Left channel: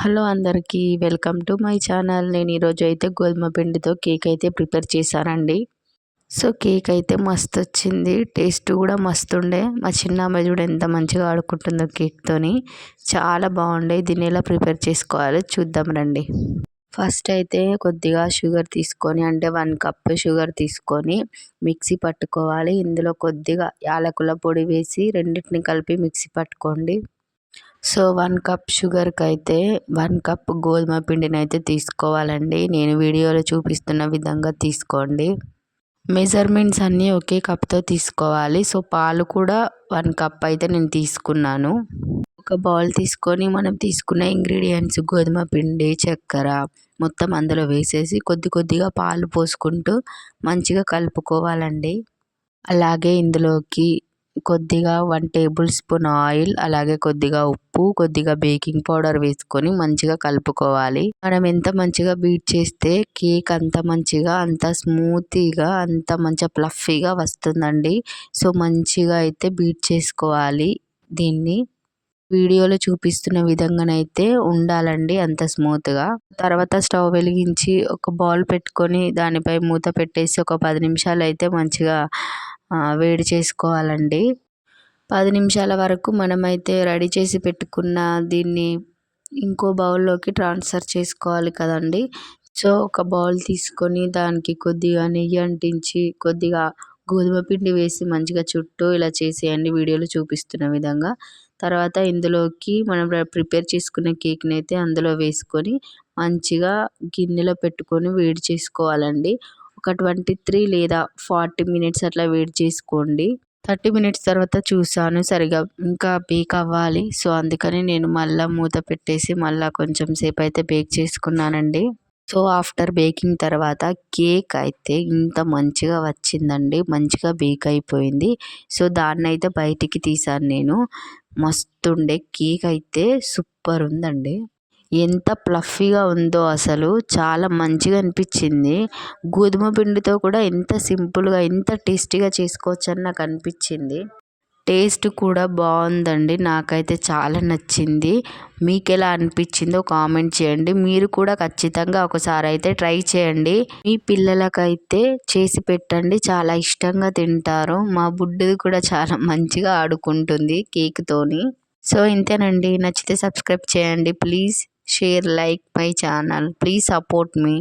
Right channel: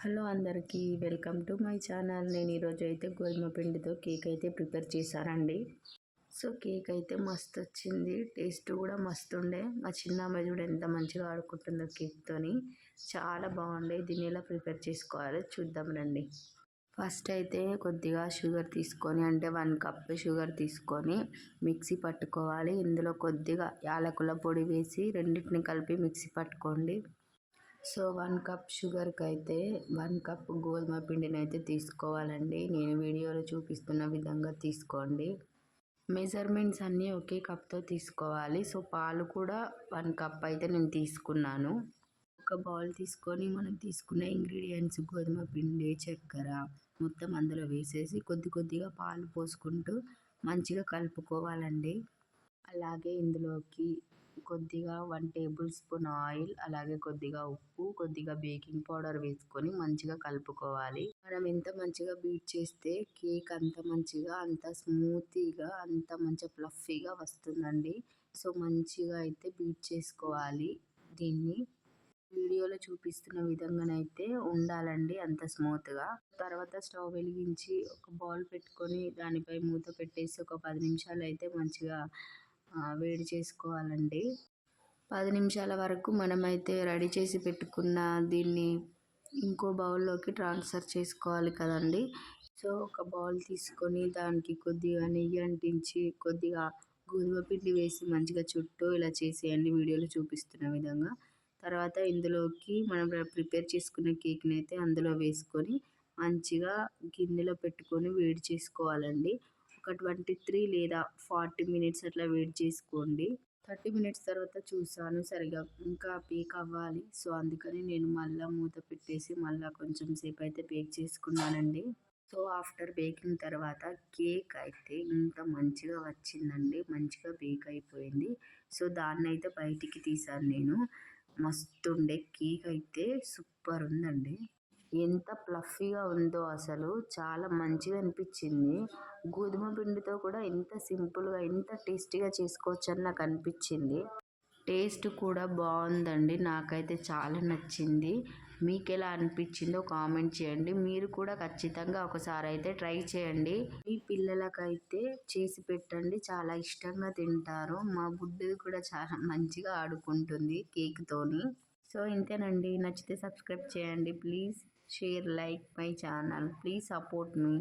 Hello అందరికీ welcome to my channel. నేను ఈరోజు అయితే గోధుమ పిండితో కేక్ అయితే ప్రిపేర్ చేశానండి. సో కేక్ అయితే మస్తు వచ్చింది టేస్ట్ కూడా మస్తు ఉండే మా చిన్న అమ్మాయి చూడ ఎంత మంచిగా ఆడుకుంటుందో కేక్తోని. చాలా బాగుండే. దీన్ని ఎలా ప్రిపేర్ చేసుకోవాలో చూద్దాం రండి. ఫస్ట్ అయితే కొద్దిగా షుగర్ తీసుకొని అంటే వన్ కప్ షుగర్ తీసుకొని మిక్సీ పట్టుకోవాలి. ఇందులో కొద్దిగా యాలకుల పొడి వేసి రెండింటిని కలిపి మిక్సీ పట్టుకోండి. సో వన్ కప్ షుగర్కి అయితే వన్ కప్ గోధుమ పిండిని అయితే తీసుకోవాలండి. నేను వీడియోలో చూపిస్తున్న విధంగా తీసుకోండి. మెజర్మెంట్స్ అన్నీ ఒకే కప్తో తీసుకోవాలి. సో పాలు కూడా వన్ కప్ అయితే నేను తీసుకున్నాను. ఒక బౌల్ తీసుకొని మనం తీసుకున్న ఇంగ్రీడియంట్స్ గోధుమ పిండి చక్కెర మొత్తం అందులో వేసేసి కొద్ది కొద్దిగా పాలు పోసుకుంటూ మంచిగా కలుపుకోవాలండి. అలాగే ఇందులోకి కొద్దిగా వన్ టేబుల్ స్పూన్ ఆయిల్ అలాగే కొద్దిగా ఉప్పు కొద్దిగా బేకింగ్ పౌడర్ వేసుకొని మంచిగా కలుపుకోవాలి. మనం ఎంత మంచిగా బీట్ చేస్తే కేక్ అంత మంచిగా అంత స్మూతీగా అంత మంచిగా ప్లఫీగా వస్తుందండి. సో మంచిగా అయితే బీట్ చేసుకోవాలి దీన్ని. వీడియోలో చూపిస్తున్న విధంగానైతే ఉండాలండి అంత స్మూత్గా తర్వాత స్టవ్ వెలిగించి ఒక బౌల్ పెట్టుకొని దానిపై మూత పెట్టేసి ఒక పది నిమిషాలు అయితే మంచిగా వేడి చేసుకోవాలండి. పది నిమిషాల వరకు మనమైతే రెడీ చేసి పెట్టుకున్న దీన్ని ఇంకో బౌల్లోకి ట్రాన్స్ఫర్ చేసుకోవాలి కదండి. సో ఒక బౌల్ తీసుకొని దానికి కొద్దిగా నెయ్యి అంటించి కొద్దిగా గోధుమ పిండి వేసి మంచిగా చుట్టూ ఇలా చేసేయండి. వీడియోలో చూపిస్తున్న విధంగా. తర్వాత ఇందులోకి మనం ప్రిపేర్ చేసుకున్న కేక్ని అయితే అందులో వేసుకొని మంచిగా గిన్నెలో పెట్టుకొని వేడి చేసుకోవాలండి. ఒక ట్వంటీ త్రీ లేదా ఫార్టీ మినిట్స్ అట్లా వెయిట్ చేసుకోండి. థర్టీ మినిట్స్ తర్వాత చూసాను సరిగా ఇంకా బేక్ అవ్వాలి. సో అందుకని నేను మళ్ళీ మూత పెట్టేసి మళ్ళీ కొంచెం సేపు అయితే బేక్ చేసుకున్నానండి. సో ఆఫ్టర్ బేకింగ్ తర్వాత కేక్ అయితే ఇంత మంచిగా వచ్చిందండి. మంచిగా బేక్ అయిపోయింది. సో దాన్ని అయితే బయటికి తీసాను నేను. మస్తుండే కేక్ అయితే సూపర్ ఉందండి. ఎంత ప్లఫీగా ఉందో అసలు చాలా మంచిగా అనిపించింది. గోధుమ పిండితో కూడా ఎంత సింపుల్గా ఎంత టేస్టీగా చేసుకోవచ్చు అని నాకు అనిపించింది. టేస్ట్ కూడా బాగుందండి. నాకైతే చాలా నచ్చింది. మీకు ఎలా అనిపించిందో కామెంట్ చేయండి. మీరు కూడా ఖచ్చితంగా ఒకసారి అయితే ట్రై చేయండి. మీ పిల్లలకైతే చేసి పెట్టండి. చాలా ఇష్టంగా తింటారు. మా బుడ్డది కూడా చాలా మంచిగా ఆడుకుంటుంది కేక్తోని. సో ఇంతేనండి. నచ్చితే సబ్స్క్రైబ్ చేయండి please. Share like my channel please support me